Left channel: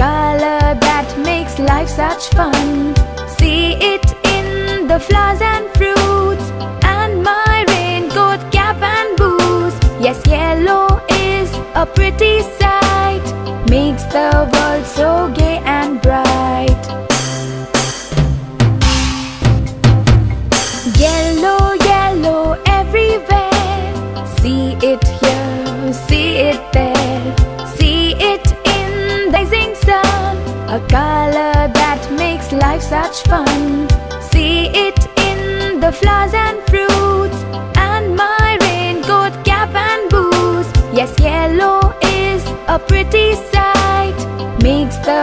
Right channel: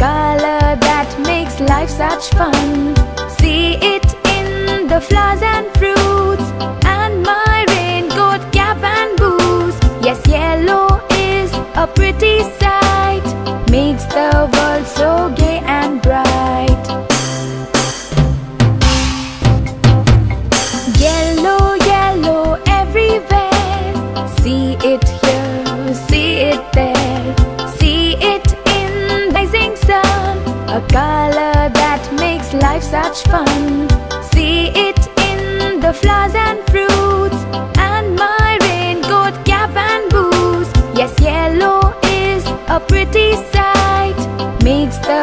color that makes life such fun. See it in the flowers and fruits, and my raincoat, cap and boots. Yes, yellow is a pretty sight, makes the world so gay and bright. Yellow, yellow everywhere. See it here, see it there. See it in the rising sun, a color that makes life such fun. See it in the flowers and fruits, and my raincoat, cap and boots. Yes, yellow is a pretty sight, makes the